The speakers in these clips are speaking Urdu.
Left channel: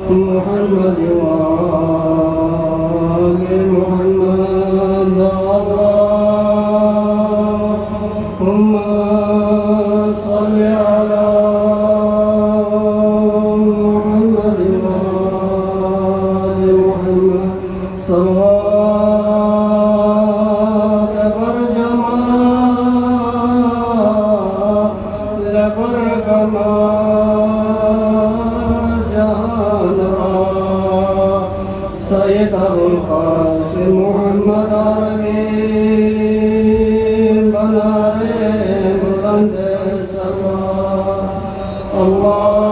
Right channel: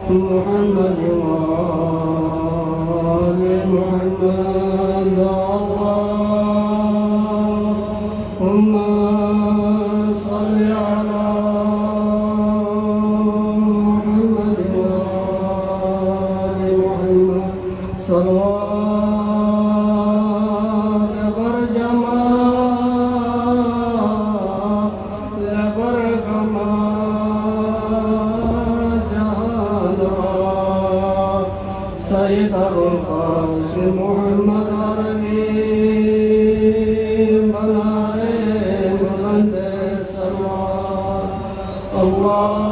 محمد وآل محمد اللهم صل على محمد وآل محمد صلوات برجما لبركما سيد القاسم محمد عربي بناري بلند السماء اللهم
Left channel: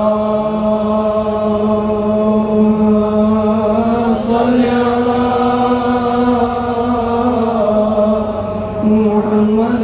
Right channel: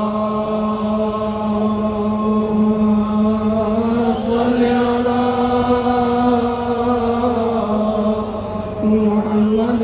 صل على محمد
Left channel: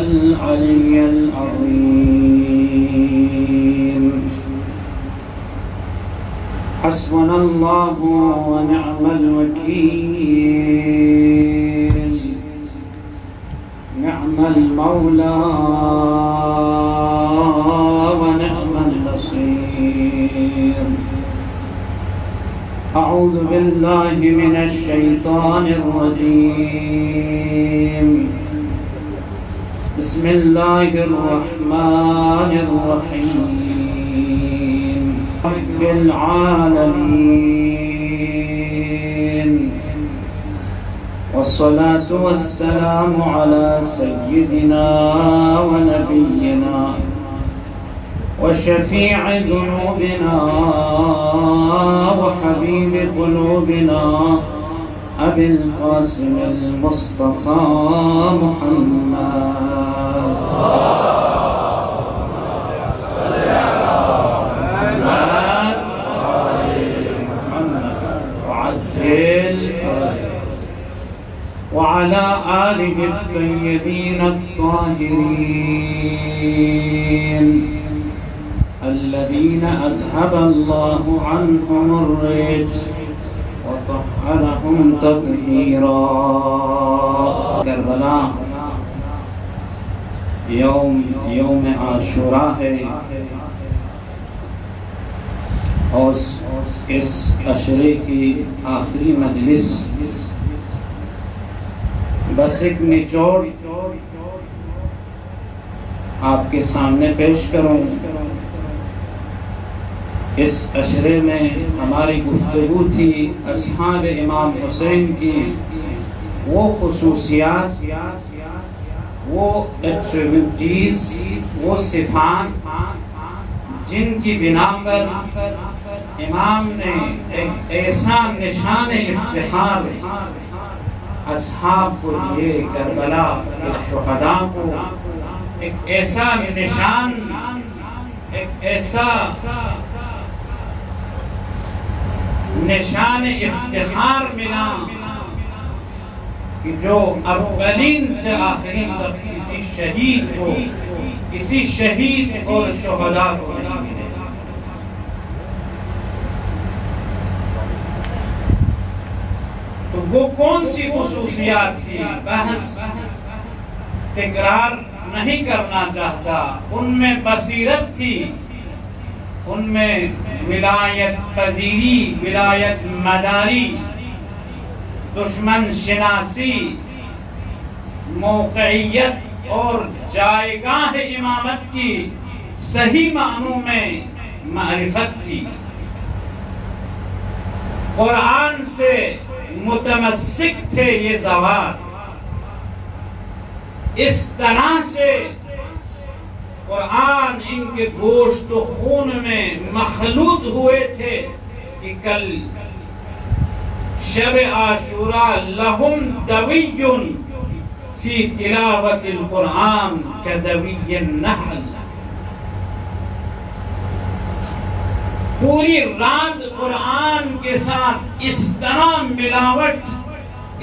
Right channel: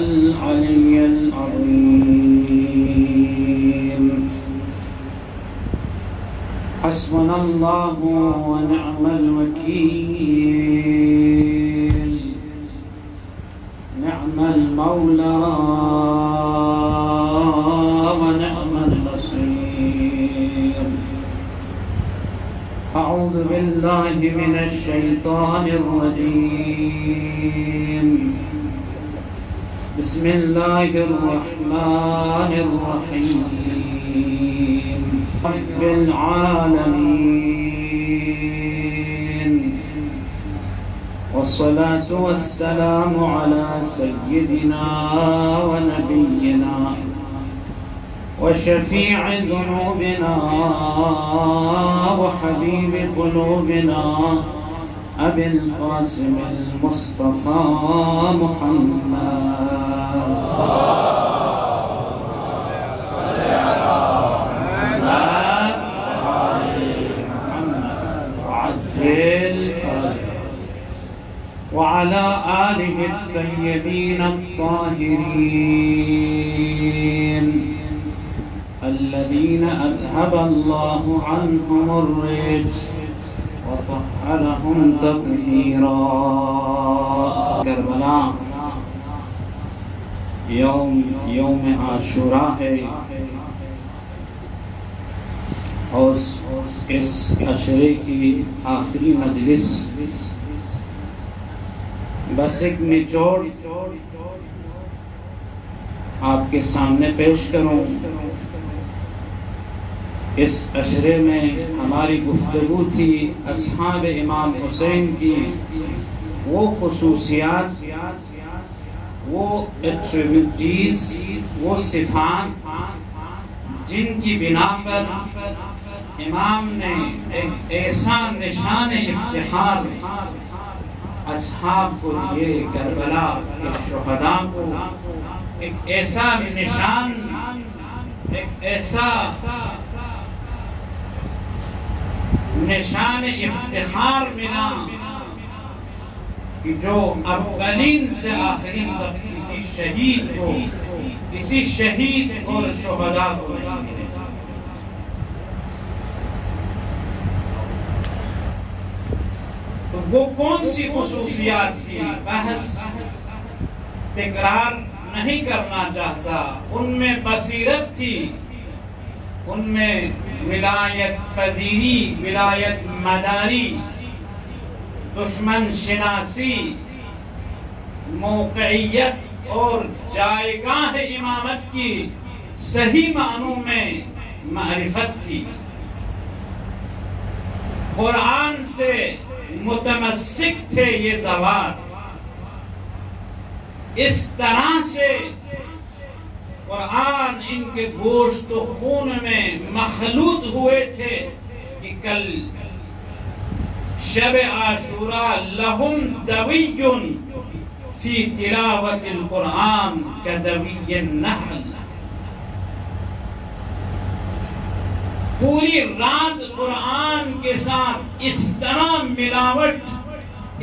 العلي العظيم. حسبنا الله ونعم الوكيل، نعم المولى ونعم النصير. أعوذ بالله من الشيطان الرجيم. بسم الله الرحمن الرحيم. رب العالمين، والصلاة والسلام على سيدنا ونبينا وشفيع ذنوبنا وحبيب قلوبنا أبي القاسم المصطفى محمد. وعلى آله الطيبين الطاهرين الذين أذهب الله عنهم الرجس وطهرهم تطهيرا. کربلا یوم عاشوراء ہے، اور اس عشرے کی آخری مجلس. بس ایک نچوڑ آپ کے سامنے پیش کروں. اس عشرے میں ہماری گفتگو تھی اصحاب امام حسین کی وہ خصوصیات، وہ ایٹریبیوٹیز، وہ صفات جن کی بنا پر امام نے ایک ایسا نشان افتخار اصحاب کو لیے، کربلا ایک شہداء کو ایک ایسا نشان، ایک ایسا نشان افتخار ملا کہ جو اولین سے آخرین تک کسی شہید اور شہداء کو نہیں ملے. تو وہ کون سی خصوصیات تھی؟ بحث تکرار نہیں کرنا چاہتا. ان میں بصیرت تھی، ان میں ولایت پذیری، ولایت مداری، دشمن شناسی، موقعیت اور جائگاہ امامت کی صحیح معنوں میں معرفت تھی. قرآن سے متمسک تھے یہ زوات. اس طرح سے قرآن ان کے گوشت و خون میں مخلوط ہوئے تھے کہ کل شب عاشوراء لہم دوی فی تلاوت القرآن کدوی النحل. پوری رات قرآن کے ساتھ اس طرح ملاوٹ،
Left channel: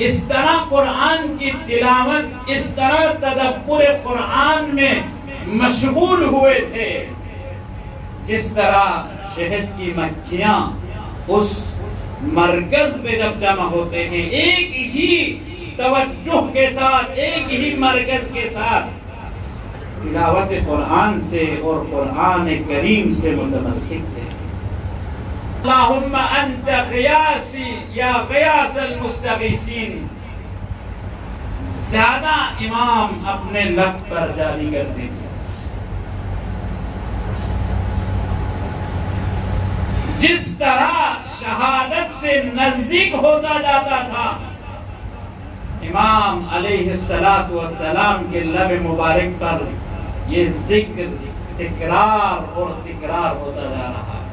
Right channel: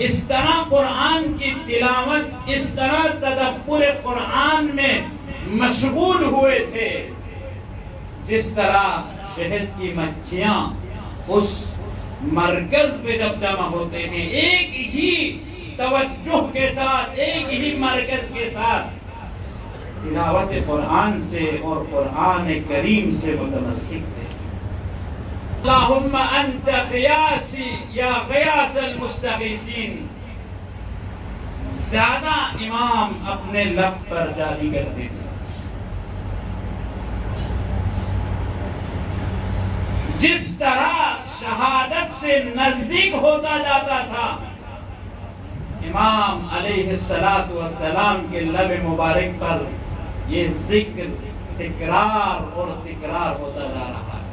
اس طرح قرآن کی تلاوت، اس طرح تدبر قرآن میں مشغول ہوئے تھے جس طرح شہد کی مکھیاں اس مرکز پہ جب جمع ہوتے ہیں ایک ہی توجہ کے ساتھ، ایک ہی مرکز کے ساتھ، تلاوت قرآن سے اور قرآن کریم سے متمسک تھے۔ اللہم انت غیاثی یا غیاث المستغیثین، زیادہ امام اپنے لب پر جاری کرتے تھے۔ جس طرح شہادت سے نزدیک ہوتا جاتا تھا، امام علیہ السلام کے لب مبارک پر یہ ذکر تکرار اور تکرار ہوتا جا رہا ہے۔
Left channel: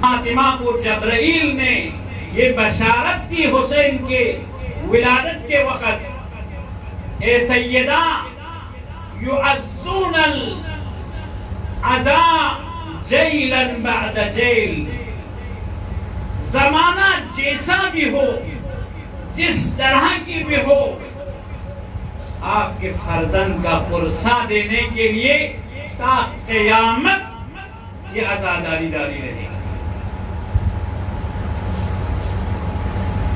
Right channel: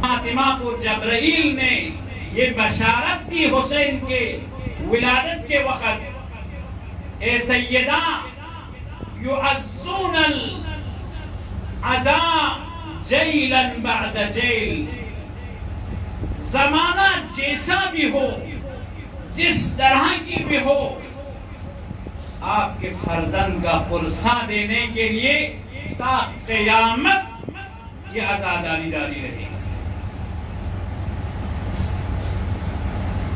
فاطمہ کو جبرائیل نے یہ بشارت دی حسین کے ولادت کے وقت، اے سیدہ یعزون العزاء جیلا بعد جیل، زمانہ جیسا بھی ہو، جس طرح کی بھی ہو، آپ کے فرزند کا پرسہ دینے کے لیے تا قیامت یہ عزاداری جاری رہے گی۔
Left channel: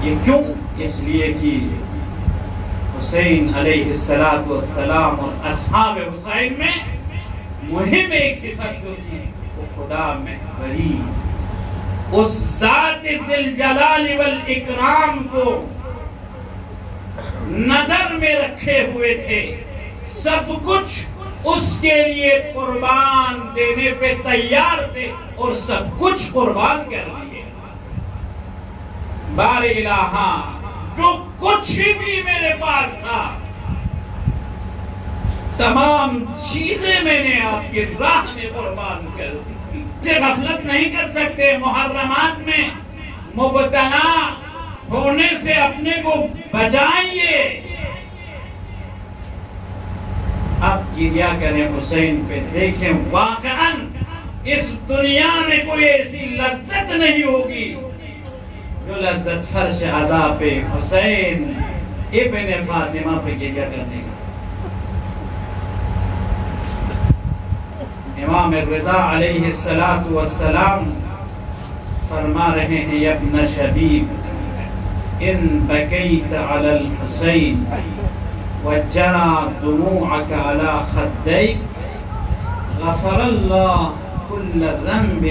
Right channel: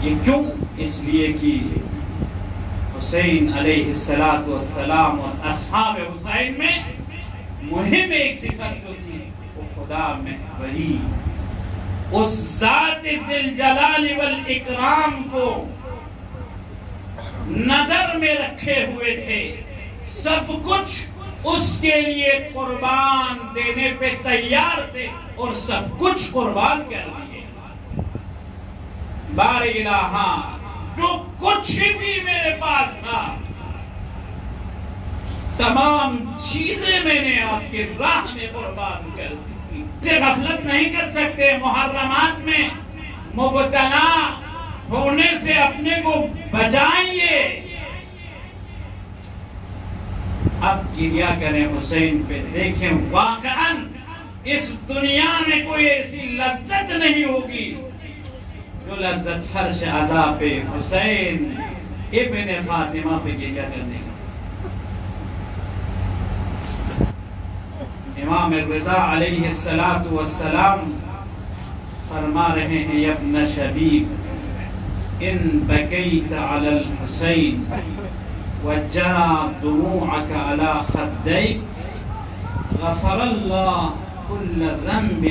یہ کیوں؟ اس لیے کہ حسین علیہ السلام اور اصحاب حسین میں مہم ایک صفت جو تھی وہ خدا محوری، اس ذات ذی الجلال والاکرام کو نظر میں رکھے ہوئے تھے، سب کچھ اس کے لیے قربان دینے پہ تیار تھے اور سب کچھ قربان کر دیے۔ بار الہا، جو کچھ بھی میرے پاس تھا، تمام چیزیں میں نے آپ کی راہ میں قربان کر دی۔ سے غفلت نہیں کر سکتے، محرمات میں مبتلا ہونے سے اپنے کو بچائیے۔ اب گریہ کریں حسین پہ، دیکھیں واقعاً اس دنیا میں کوئی ایسی لذت نہیں ہوگی جو لذت فرش عزا پہ حسین ابن فاطمہ پہ گریہ کرنے کی۔ امام رضا علیہ السلام فرما رہے ہیں، یا ابن شبیب ان بکیت علی الحسین وجرى دموعك على خديك غفر الله كل ذنب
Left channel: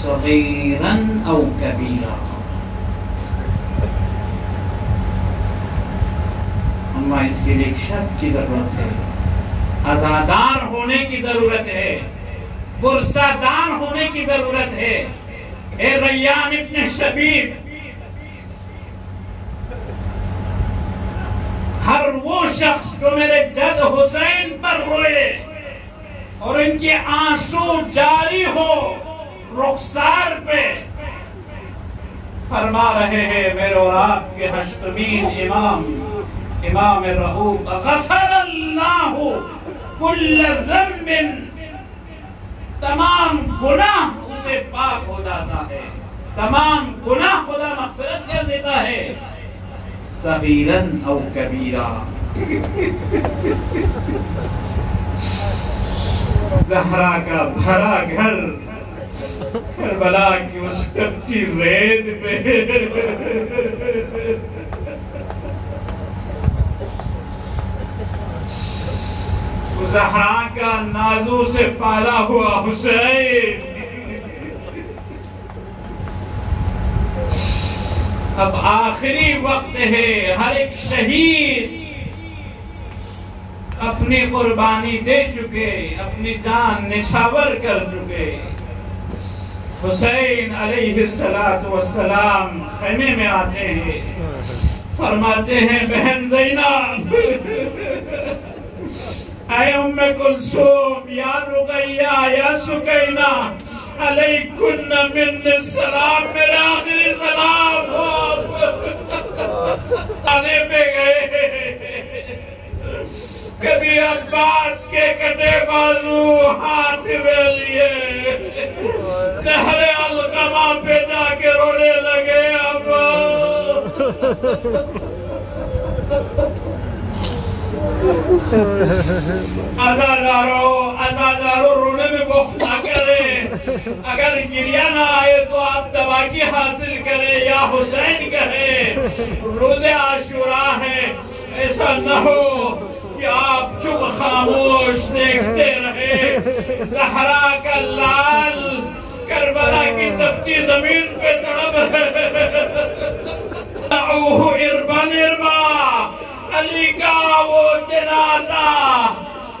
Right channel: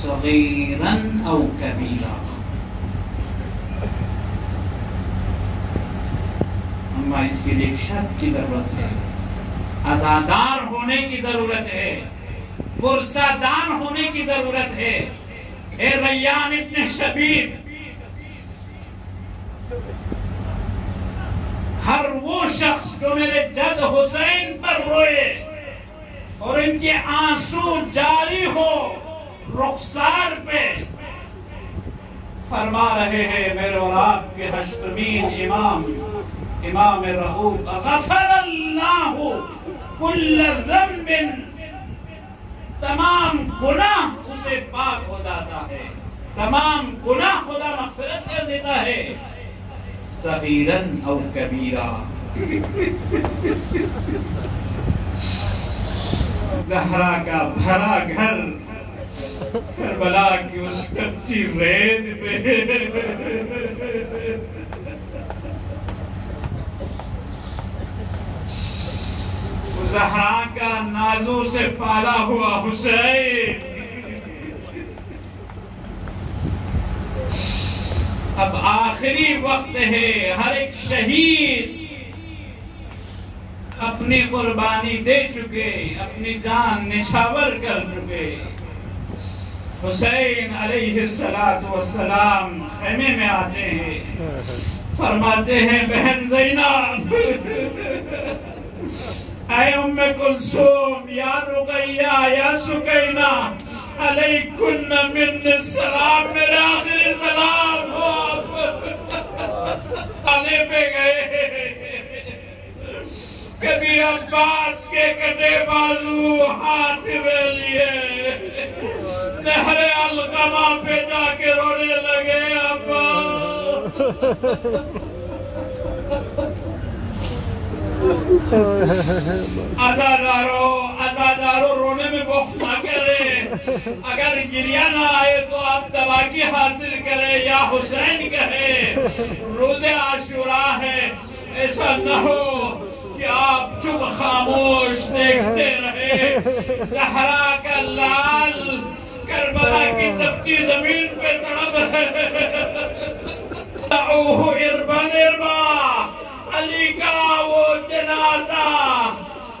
صغيرا او كبيرا۔ اما اس کے لیے ایک شرط کی ضرورت ہے، عزادار ہونے کی ضرورت ہے، پرسہ دار ہونے کی ضرورت ہے۔ اے ریان ابن شبیب، ہر وہ شخص جو میرے جد حسین پر روئے اور ان کے آنسو جاری ہو رخسار پہ، فرما رہے ہیں میرے اور آپ کے ہشتمین امام رؤوف، غفر اللہ کل ذنب، تمام گناہ اسے پاک ہو جاتا ہے، تمام گناہ خدا مغفرت کر دیتا ہے، صغیراً او کبیرا۔ زہرا کا بھرا گھر کربلا کی اس کچی ریت پہ، زہرا کا نازوں سے پالا ہوا حسین، اب آخری وقت ہے، ہر ایک شہید اپنی قربانی دے چکے، اپنی جان نچھاور کر چکے۔ حسین علیہ السلام خیمے میں آتے ہیں، فرماتے ہیں بہن زینب، اے ام کلثوم، یا رقیہ، یا سکینہ، علیکن من السلام، میرے آخری سلام آنے پہ گئے۔ کبھی عباس کے کٹے بازو ہاتھ میں لیے نہر علقمہ پہ جا کے رونے لگے۔ ابا عزادارو رونے میں بخت نہ کرے، اگر گریہ نہ آئے تو آپ تباکی حاصل کریں یا حسین کہیں۔ روز عاشوراء ہے، ایسا نہ ہو کہ کہ آپ چپ خاموش دیکھتے رہے زہرا کا لال کربلا کی تپتی زمین پہ تڑپ رہے دعوہ اربن اربا علی کا وہ جنازہ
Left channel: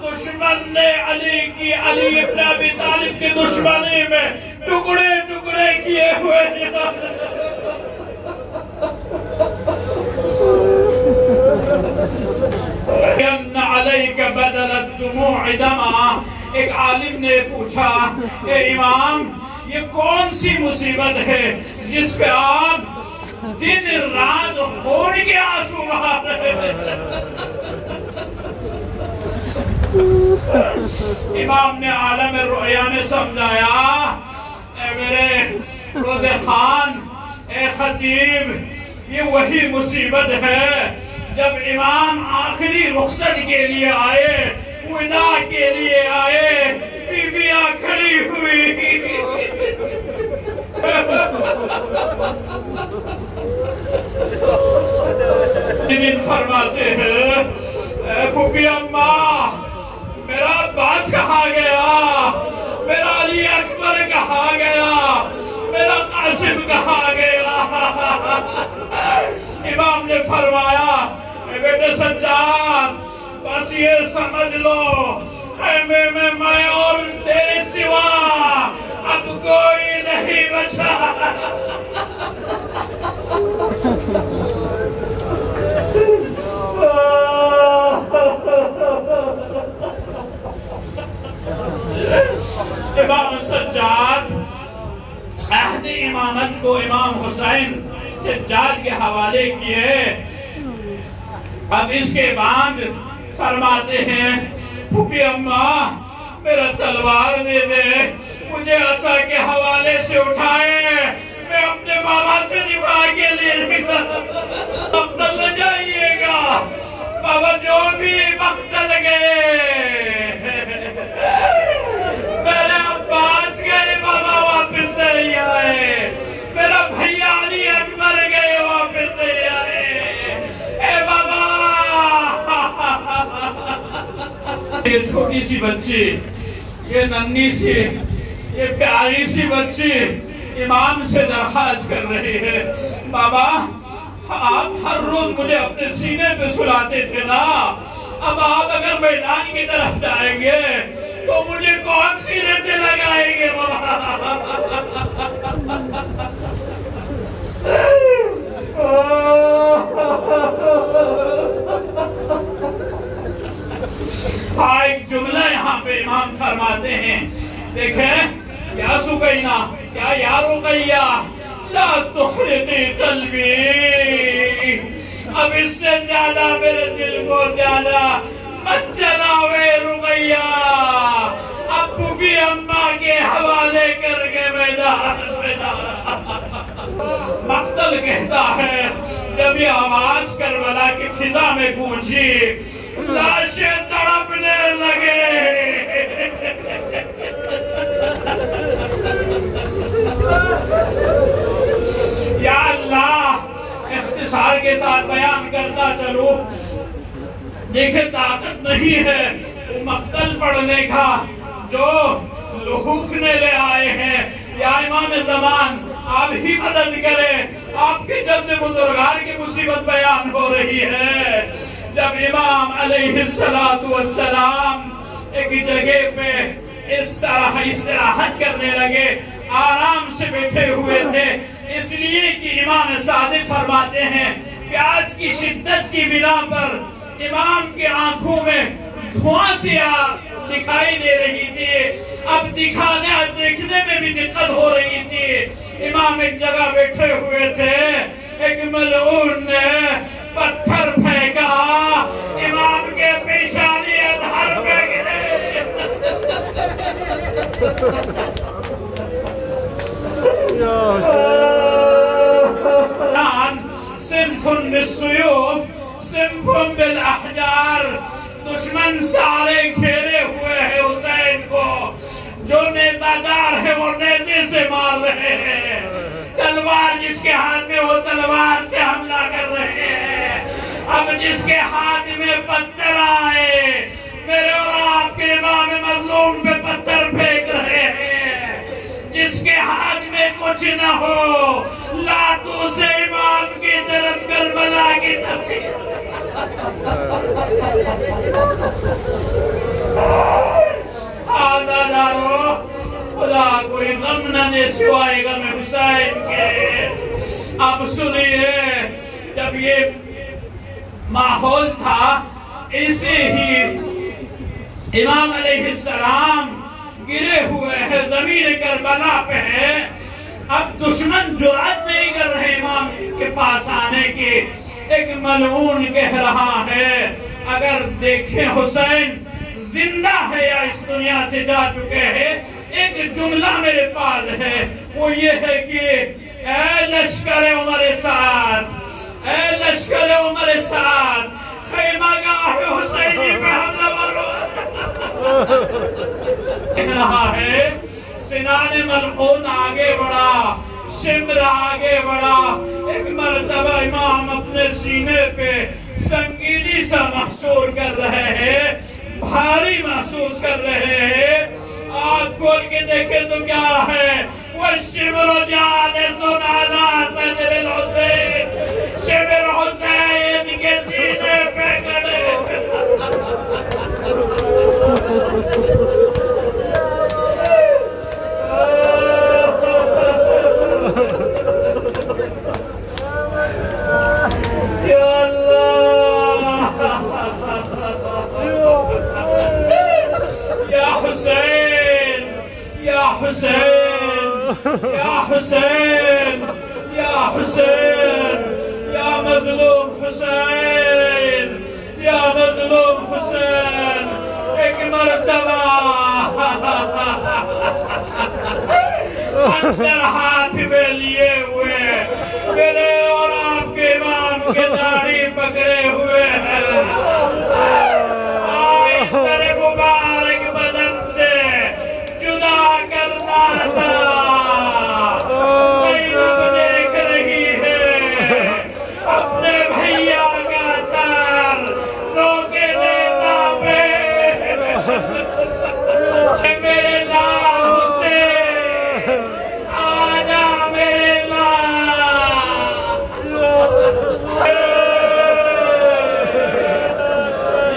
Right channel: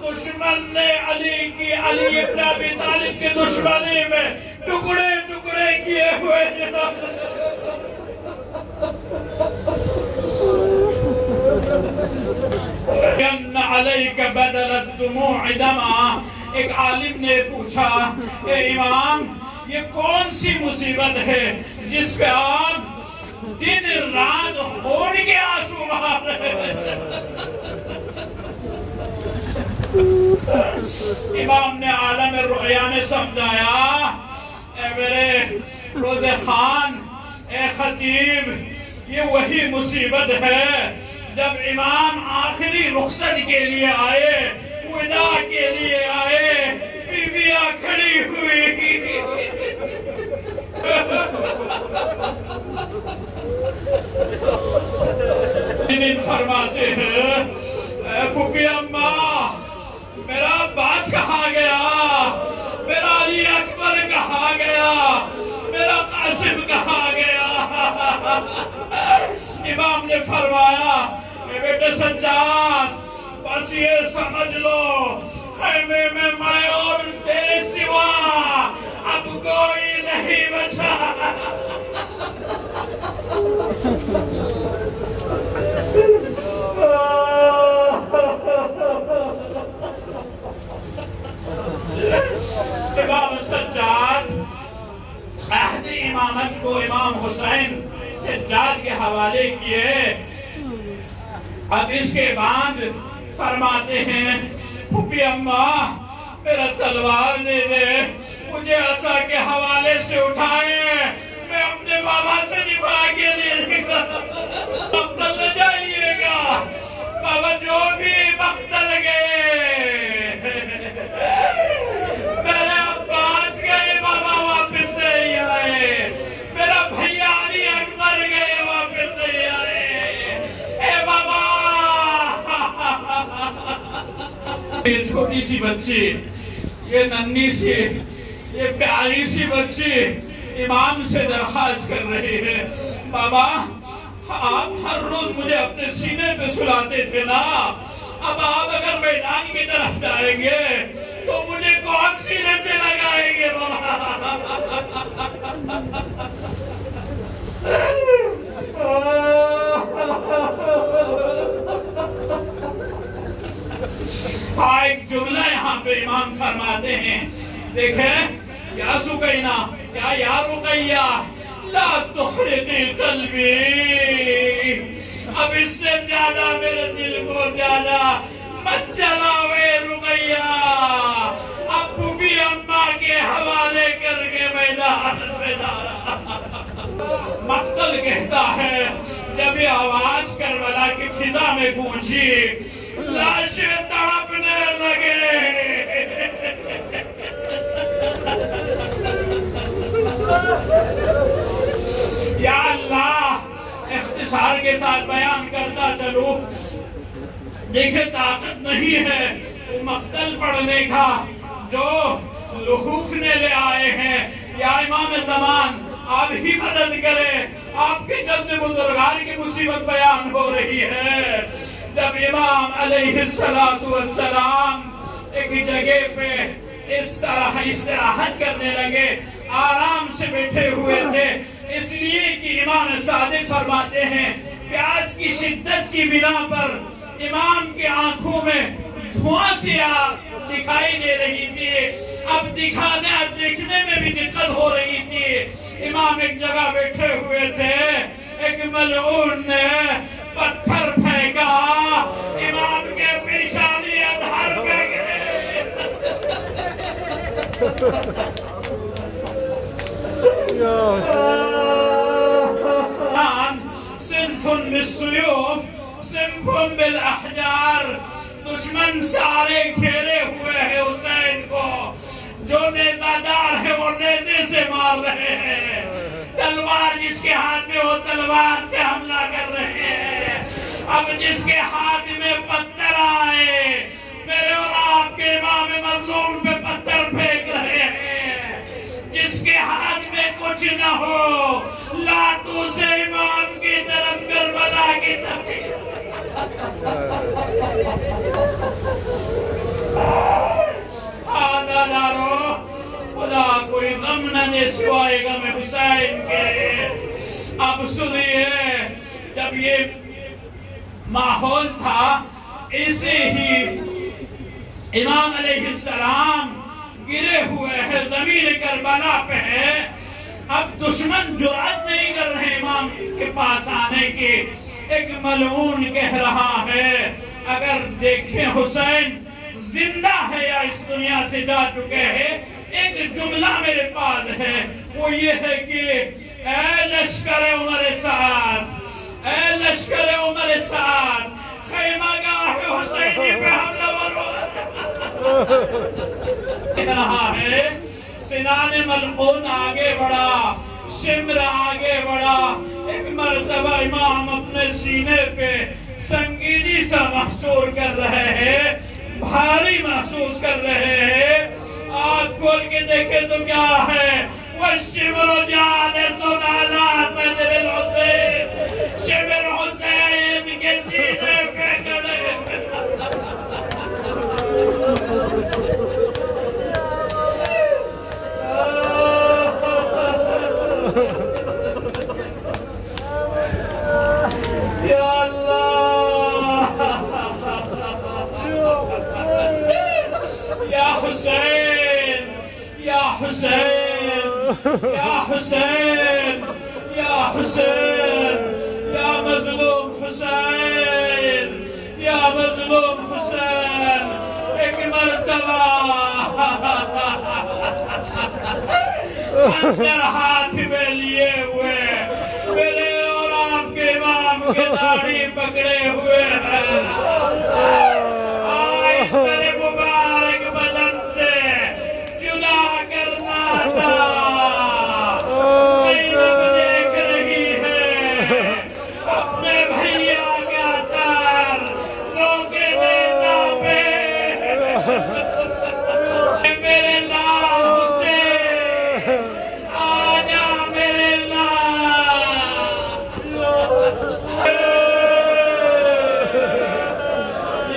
دشمن نے علی کی علی ابن ابی طالب کی دشمنی میں ٹکڑے ٹکڑے کیے ہوئے جنازہ ان علیک بدل الدموع دما ایک عالم نے پوچھا اے امام یہ کون سی مصیبت ہے جس پہ آپ دن رات خون کے آنسو بہا رہے ہیں امام نے عالم رؤیا نے سمجھایا اے میرے روزے خان اے خطیب یہ وہی مصیبت ہے جب امام آخری رخصت کے لیے آئے ودا کے لیے آئے بیویاں کھڑی ہوئی دن فرماتے ہیں پھوپھی اماں میرا عباس کہاں گیا میرا علی اکبر کہاں گیا میرا قاسم کہاں گیا امام نے فرمایا بیٹے سجاد بس یہ سمجھ لو خیمے میں میں اور تیرے سوا اب کوئی نہیں بچا امام سجاد عہد امامت کو امام حسین سجاد کے حوالے کیے اب اس کے بعد فرماتے ہیں پھوپھی اماں میرا تلوار دے دے مجھے عصا کے حوالے سے اٹھائے میں اپنے بابا سے نبھا کے لے مقتل جائیے گا بابا جو بھی مقتل گئے میرے عباس گئے بابا واپس نہیں آئے میرا بھیا علی اکبر گئے واپس نہیں آئے اے بابا یہ چھوٹی سی بچی یہ ننھی سی یہ پیاری سی بچی امام سے درخواست کر رہی ہے بابا آپ ہر روز مجھے اپنے سینے پہ سلاتے تھے نا اب آپ اگر میدان کی طرف جائیں گے تو مجھے کون سینے سے لگائیں گے بابا ایک جملہ یہاں پہ امام فرماتے ہیں دیکھیں یا سکینہ یا رقیہ لا تخرقی قلبی اب اس سے زیادہ میرے دل کو زیادہ مت جلاوے رقیہ اب پھوپھی اماں کے حوالے کر کے میدان مقتل کہتا ہے جب یہ آواز کربلا کی فضا میں گونجی لاشیں تڑپنے لگے یا اللہ اختصار کے ساتھ بیان کرتا چلو دیکھیں طاقت نہیں ہے وہ مقتل پڑھنے کا جو لحوف نے لے آئے ہیں یا امام زمان آپ ہی مدد کریں آپ کے جد بزرگان کی مصیبت بیان ہو رہی ہے جب امام علیہ السلام ایک جگہ پہ اس طرح استراحت کرنے لگے آرام سے بیٹھے ہوئے تھے اس لیے کہ امام صادق فرماتے ہیں کہ آج کی شدت کی بنا پر امام کے آنکھوں میں دھواں سیاہ دکھائی دے رہی تھی اب دیکھنے میں بھی دقت ہو رہی تھی امام ایک جگہ بیٹھے ہوئے تھے ایک ملعون نے پتھر پھینکا امام کے پیشانی ادھر پہ گئے صنف بالسیوف صنف بالاحجار دشمن سارے گھیرے ہوئے ہیں حسین کو جو نیزہ دار ہے وہ نیزے سے مار رہے ہیں تلوار جس کے ہاتھ میں وہ تلوار سے حملہ کر رہے ہیں اب جس کے ہاتھ میں پتھر آئے ہو لاتوں سے امام کی طرف کربلا کی طرف آزادارو خدا کوئی غم نہ دے سوائے غم حسین کے. اب سنیے جب یہ ماحول تھا اسے ہی امام علیہ السلام گرے ہوئے ہیں زمین کربلا پہ ہے. اب دشمن جرأت نہیں کر رہے امام کے پاس آنے کی. ایک ملعون کہہ رہا ہے اگر دیکھیں حسین زندہ ہے یا اس دنیا سے جا چکے ہیں. ایک جملہ میرے پاس ہے وہ یہ ہے کہ اے لشکر عمر سعد، اے لشکر عمر سعد، خیمہ گاہ حسینی پہ حملہ ورو. کہہ رہا ہے سنان ملعون آگے بڑھا، شمر آگے بڑھا. ایک مرتبہ امام اپنے سینے پہ سنگینی سا محسوس کر رہے ہیں، بھاری محسوس کر رہے ہیں. آنکھ کھول کے دیکھے تو کیا ہے وَالشِّمْرُ جَالِسٌ عَلَىٰ صَدْرِ الْحُسَيْنِ. شمر حسین کے سینے پہ کھڑے. یا اللہ یا حسین یا حسین یا حسین یا حسین یا مظلوم حسین یا مظلوم حسین. ایک مرتبہ خنجر ہاتھ میں لیے ہوئے میرے اور آپ کے امام کے داڑھی پکڑے ہوئے ہیں. آئے سر مبارک بدن سے جدا کرنا تھا. زینب دیکھ رہی ہے اپنے بھیا کا سر روکے دیتا پہ. میرے لال حسین آجا میرے لال.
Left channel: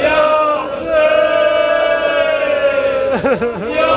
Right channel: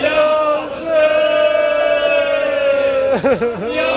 یا حسین یا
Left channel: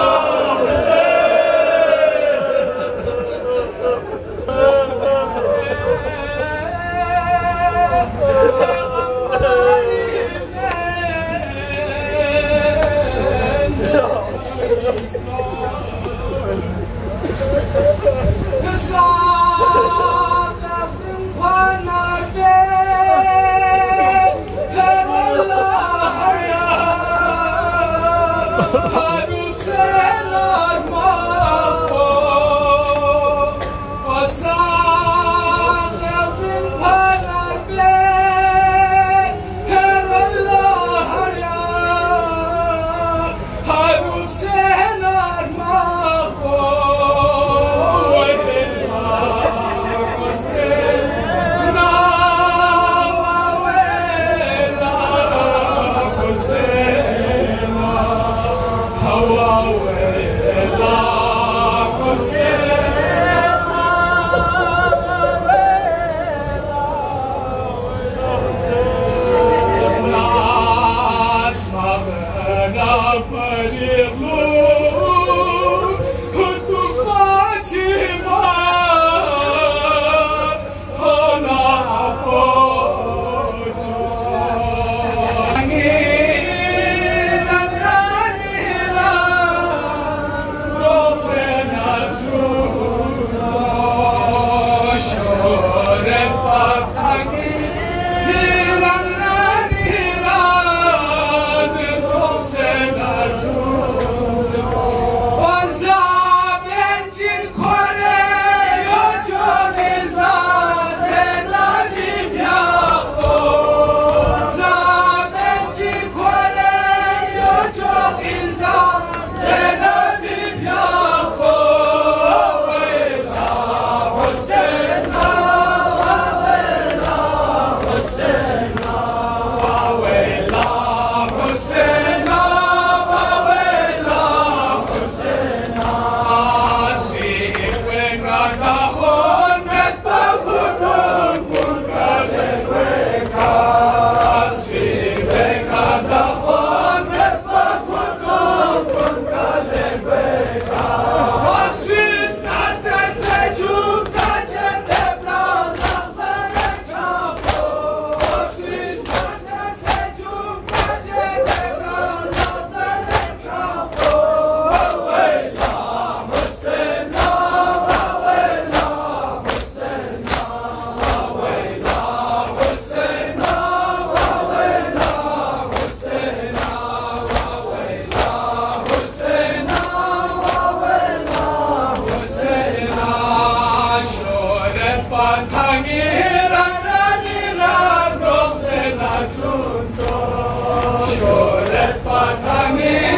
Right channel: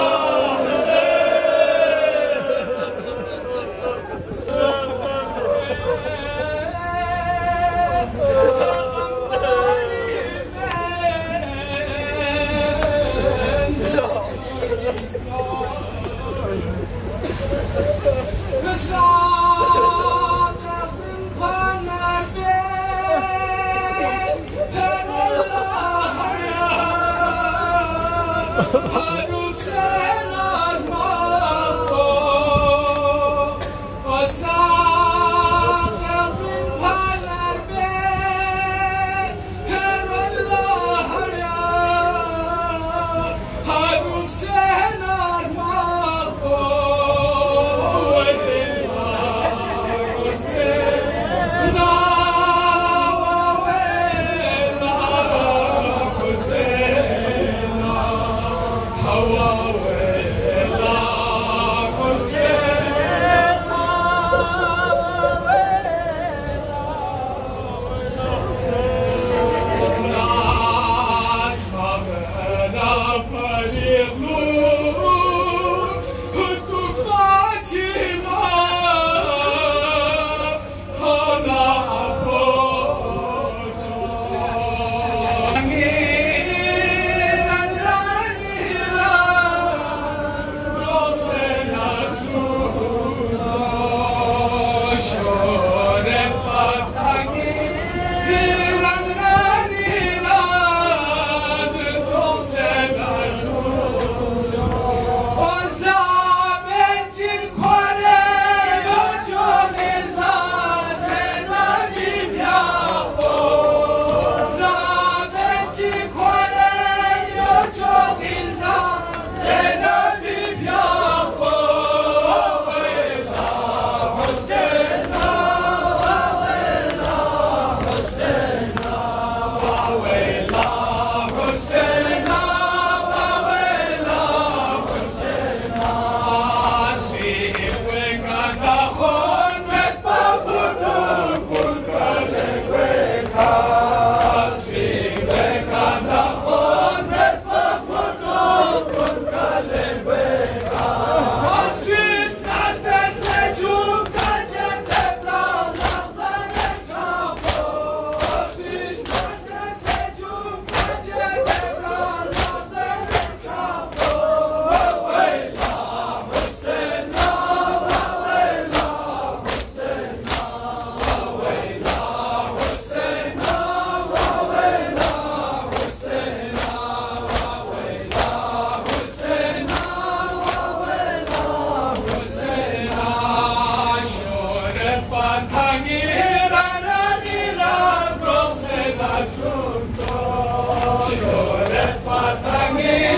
شهرت پتنگ